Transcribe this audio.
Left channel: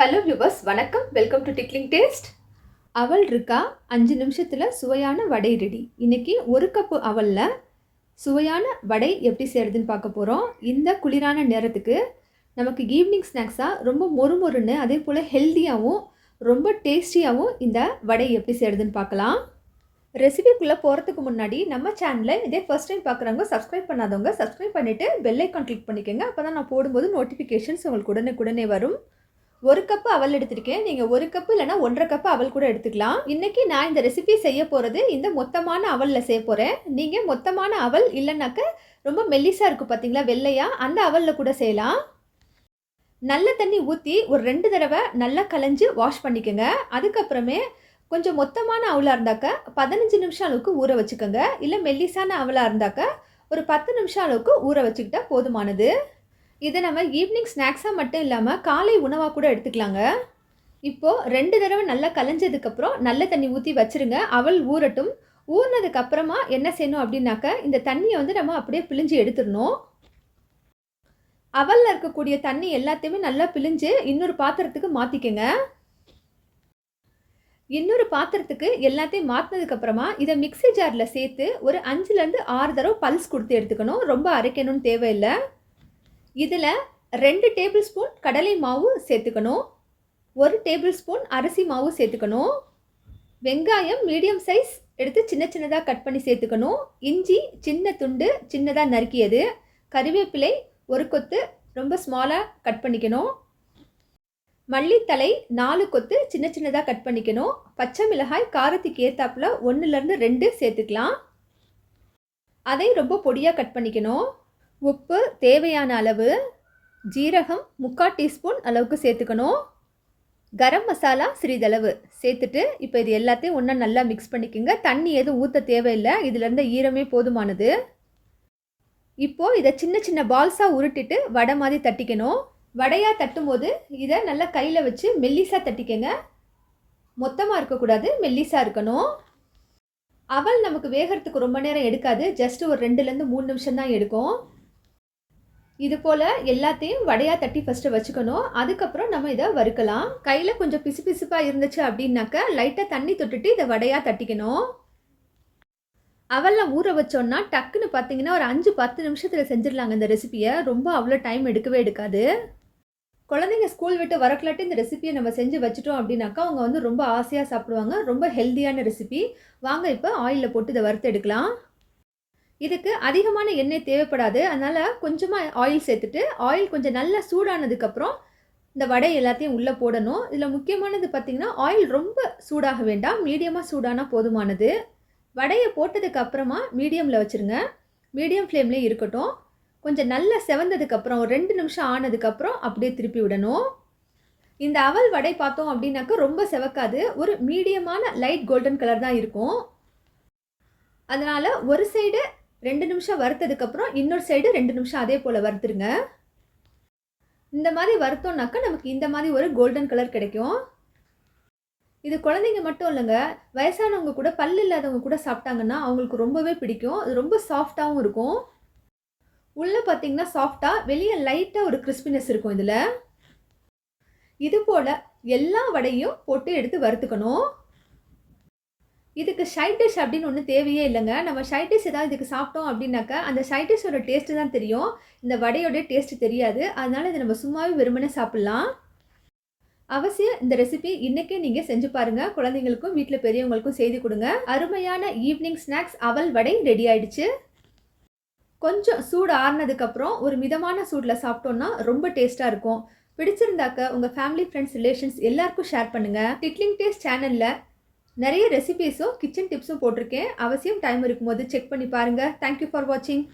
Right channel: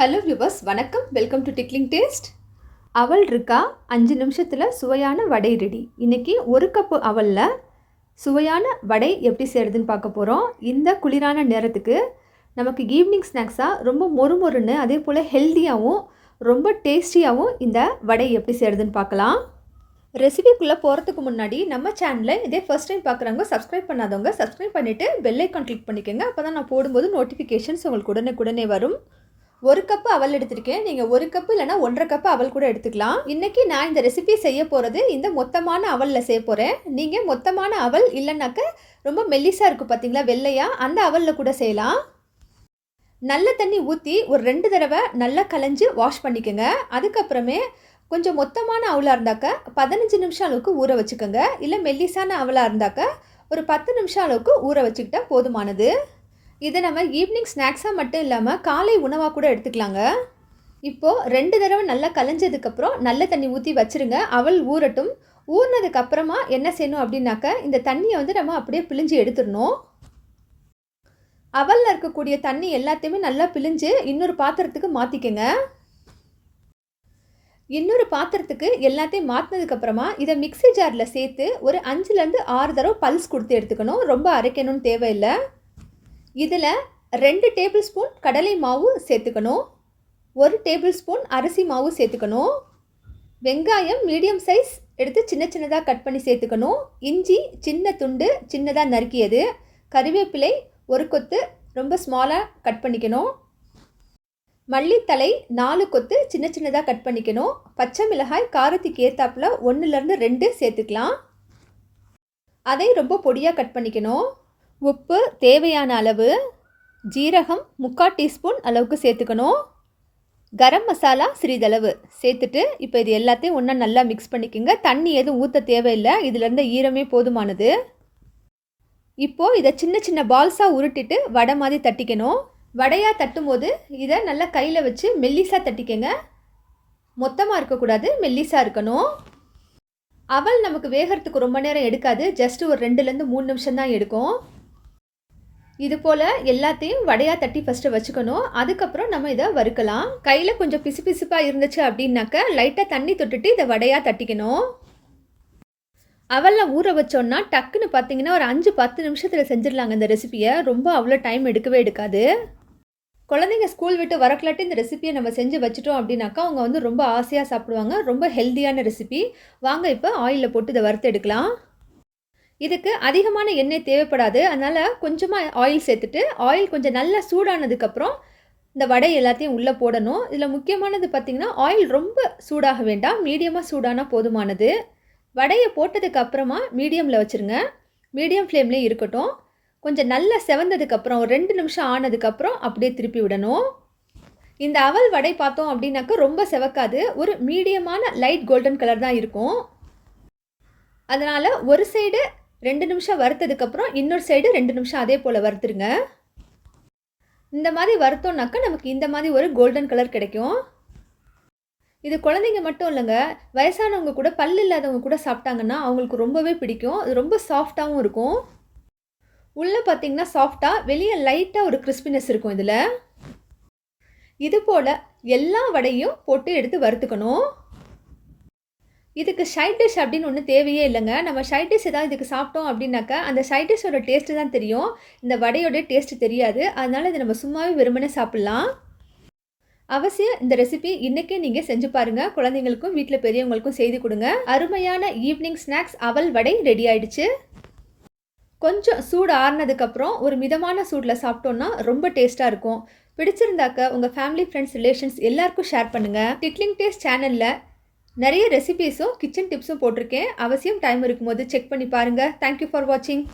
Hello viewers வணக்கம். Welcome to tickling taste அவல் இருக்கா? அஞ்சு நிமிஷத்தில் சுவையான வடை ரெடி இன்றைக்கி ஒரு கப்பு அவலில் சுவையான வடை எப்படி செய்கிறதுன்னு பார்க்க போகிறோம் இந்த குளிரான நேரத்துக்கு நமக்கு ஈவினிங் ஸ்நாக்ஸாக ரொம்ப மொறு மொறுன்னு அதே போல் ஹெல்த்தியாகவும் ரொம்ப டேஸ்டியாகவும் இந்த வடை எப்படி செய்கிறதுன்னு பார்க்கலாம். ரெசிபிக்குள்ளே போகிறதுக்கு முன்னாடி நம்ம சேனலில் இதே ஃபர்ஸ்ட் டைம் பார்க்குறவங்க சப்ஸ்கிரைப் பண்ணாதவங்க சப்ஸ்கிரைப் பண்ணிவிட்டு பெல்லைக்கான் கிளிக் பண்ணிக்கோங்க. அப்போ தான் நான் போடும்போது நோட்டிஃபிகேஷன்ஸ் உங்களுக்கு உடனே உடனே வரும். ஒரு கப்பு அவல் எடுத்திருக்கேன். நீங்கள் ஒரு கப்பு இல்லைனா ஒன்றரை கப்பு அவல் கூட எடுத்துக்கலாம். இன்றைக்கி நான் இந்த ரெசிபி செய்ய போகிறது இந்த மொத்தமான அவலில் செய்ய போகிறேன் நீங்கள் மொத்தமான அவல் இல்லைனாக்க ரொம்ப மெல்லிஸாக இருக்கும் பார்த்தீங்களா வெள்ளையா? அந்த அவலில் கூட செய்யலாம். நல்ல தண்ணி ஊற்றி ஒரு ரெண்டு தடவை நல்லா கலைஞ்சு வாஷ் பண்ணிக்கோங்க. அதுக்கப்புறமே கொஞ்சம் மொத்தமான அவலாக இருந்தாக்க பதினஞ்சு நிமிஷம் அளவுக்கு ஊற வச்சுக்கோங்க. இல்லை மெல்லிசான அவலாக இருந்தாக்க ஒரு பத்து நிமிஷம் அளவுக்கு ஊற வச்சுக்கிட்டால் போதுமானது. இதை நம்ம ஈவினிங் ஸ்நாக்ஸாக மட்டும் இல்லாமல் காலை உணவாக கூட எடுத்துக்கலாங்க. இப்போது ரெண்டு தடவை நல்லா கலைஞ்சதுக்கப்புறம் நல்ல தண்ணி ஊற்றி வச்சுருங்க. அவள் ஊறட்டும். ஊறினதுக்கப்புறமா என்ன செய்யணும் அப்படின்னாக்க இந்த தண்ணியை வந்து நம்ம அப்படியே பிழிஞ்சு எடுத்துடணும். அவலில் இருக்கக்கூடிய தண்ணி எல்லாத்தையுமே நல்லா பிழிஞ்சு இன்னொரு பாத்திரத்துக்கு மாற்றிக்கங்க இன்னொரு பாத்திரத்துக்கு எல்லாத்தையும் மாற்றினதுக்கப்புறமா இதை மிக்ஸி ஜாரில் சேர்த்து ஒரு அஞ்சுலேருந்து ஆறு தடவை பல்ஸ் கொடுத்து எடுத்துக்கணும். ரொம்ப அரைக்கணும்னு தேவையில்லை. இதில் ரெண்டு டேபிள் ஸ்பூன் கடலை மாவு சேர்த்துக்கணும். ஒரு டேபிள் ஸ்பூன் அரிசி மாவு சேர்த்துக்கணும். வெங்காயம் மீடியம் சைஸ் எடுத்து சின்ன சின்னதாக கட் பண்ணி சேர்த்துக்கணும். இஞ்சி சின்ன துண்டு சின்னதாக நறுக்கியது. கறிவேப்பிலை ஒரு கொத்து ரொம்ப ஸ்மாலாக கட் பண்ணிக்கணும். மல்லித்தலை நாலு கொத்து சின்ன சின்னதாக கட் பண்ணிக்கணும். பச்சை மிளகாய் காரத்துக்கு ஏற்றாப்புல ஒன்றுலேருந்து ரெண்டு சேர்த்துக்கலாம். அதை ரொம்ப பொடியாக கட் பண்ணிக்கணும். உப்பு தேவையான அளவு ஜீரகம் முக்கால் டீஸ்பூன் அளவுக்கு சேர்த்துக்கணும். கரம் மசாலா சிறிதளவு சேர்த்துட்டு இப்போ இது எல்லாத்தையும் ஒன்றா நல்லா மிக்ஸ் பண்ணிக்கோங்க. தண்ணி எதுவும் ஊற்ற தேவையில்லை. இதிலேருந்து ஈரமே போதுமானது. இப்போது இதை சின்ன சின்ன பால்ஸாக உருட்டிட்டு வடை மாதிரி தட்டிக்கணும். வடையாக தட்டும்போது இதை நல்லா கையில் வச்சு மெல்லிஸாக தட்டிக்கங்க. மொத்தமாக இருக்கக்கூடாது மெல்லிஸாக இருக்கணும். அவல் நமக்கு வேகிறதுக்கு ரொம்ப நேரம் எடுக்காது. ஜஸ்ட் ஒரு ரெண்டுலேருந்து மூணு நிமிஷம் தான் எடுக்கும். இது போல் எல்லாத்தையும் வடையாக தட்டி ஃபஸ்ட்டு வச்சுக்கணும். அதுக்கப்புறம் நம்ம இதை வறுக்கலாம். கையில் கொஞ்சம் பிசு பிசுப்பாக இருந்துச்சு அப்படின்னாக்க லைட்டாக தண்ணி தொட்டுட்டு இதை வடையாக தட்டிக்கணும். அவெல்லாம் ஊற வச்சோன்னா டக்குன்னு பார்த்தீங்கன்னா ஒரு அஞ்சு பத்து நிமிஷத்தில் செஞ்சிடலாங்க இந்த ரெசிபியை ரொம்ப அவ்வளோ டைம் எடுக்கவே எடுக்காது. குழந்தைங்க ஸ்கூல் விட்டு வரக்கலாட்டி இந்த ரெசிபியை நம்ம செஞ்சு வச்சுட்டோம் அப்படின்னாக்கா அவங்க வந்து ரொம்ப ஆசையாக சாப்பிடுவாங்க. ரொம்ப ஹெல்த்தியான ரெசிபி வாங்க இப்போ ஆயிலில் போட்டு இதை வறுத்து எடுக்கலாம். இதுக்கு அதிகமான எண்ணெய் தேவைப்படாது. அதனால் கொஞ்சமாக ஆயில் சேர்த்துட்டு ஆயில் கொஞ்சம் நல்லா சூடானதுக்கப்புறம் இந்த வடை எல்லாத்தையும் உள்ளே போடணும். இதில் முக்கியமானது பார்த்திங்கன்னா ஆயில் ரொம்ப சூடாக வேண்டாம். மீடியமாக சூடானால் போதுமானது. வடையை போட்டதுக்கு அப்புறமா மீடியமில் வச்சுருங்க. மீடியம் ஃப்ளேம்லேயே இருக்கட்டும். கொஞ்சம் நல்லா செவந்ததுக்கப்புறம் ஒரு ரெண்டு நிமிஷம் ஆனதுக்கப்புறம் அப்படியே திருப்பி விடணும். இந்த அவல் வடை பார்த்தோம் அப்படின்னாக்கா ரொம்ப செவக்காது. ஒரு மீடியமான லைட் கோல்டன் கலர் தான் இருக்கும். அதனால் ஒரு சைடு ரெண்டு நிமிஷம் வறுத்ததுக்கப்புறம் இன்னொரு சைடு ரெண்டு நிமிஷம் அதே போல் வறுத்துருங்க. இந்த மாதிரி வறுத்தோம்னாக்கா நமக்கு இந்த மாதிரி ஒரு கோல்டன் கலர் கிடைக்கும். இது குழந்தைங்க மட்டும் இல்லைங்க வயசானவங்க கூட பல் இல்லாதவங்க கூட சாப்பிட்டாங்கன்னா அவங்களுக்கு ரொம்பவே பிடிக்கும். அது ரொம்ப சாஃப்டாகவும் இருக்கும். உள்ளே பார்த்தீங்கன்னா சாஃப்டாக வெளியே லைட்டாக ஒரு கிறிஸ்பினஸ் இருக்கும் இதில். இது போல் எல்லா வடையும் போட்டு எடுத்து வறுத்துக்கணும். இதுக்கு சைட் டிஷ் அப்படின்னு ஒன்றும் தேவையே இல்லைங்க. நம்ம சைட் டிஷ் ஏதாவது இதுக்கு சாப்பிட்டோம் அப்படின்னாக்கா அந்த சைட் டிஷ்ஷோட டேஸ்ட்டு தான் தெரியும். இந்த வடையோட டேஸ்ட்டு தெரியாது. அதனால் இதை நம்ம சும்மாவே வெறுமனே சாப்பிட்லாம். அவசியம் இந்த ரெசிபி இன்றைக்கே நீங்கள் செஞ்சு பாருங்கள் குழந்தைங்களுக்கும் வீட்டில் பெரியவங்களுக்கும் செய்து கொடுங்க. அருமையான ஈவினிங் ஸ்நாக்ஸ் அவல் வடை ரெடி ஆயிடுச்சு. கொஞ்சம் சூடு ஆறுனதுக்கப்புறம் ஒரு மிதமான சூடில் சாப்பிட்டோன்னா ரொம்ப டேஸ்ட்டாக இருக்கும். பிடிச்சிருந்தாக்க உங்கள் ஃபேமிலி ஃப்ரெண்ட்ஸ் ரிலேஷன்ஸ் எல்லாருக்கும் ஷேர் பண்ணுங்கள் டிக்லிங் டேஸ்ட் சேனலில் நிறைய ரெசிபீஸும் கிச்சன் டிப்ஸும் போட்டிருக்கேன். அவசியம் டைம் இருக்கும்போது செக் பண்ணி பாருங்கள் தேங்க்யூ ஃபார் வாட்சிங்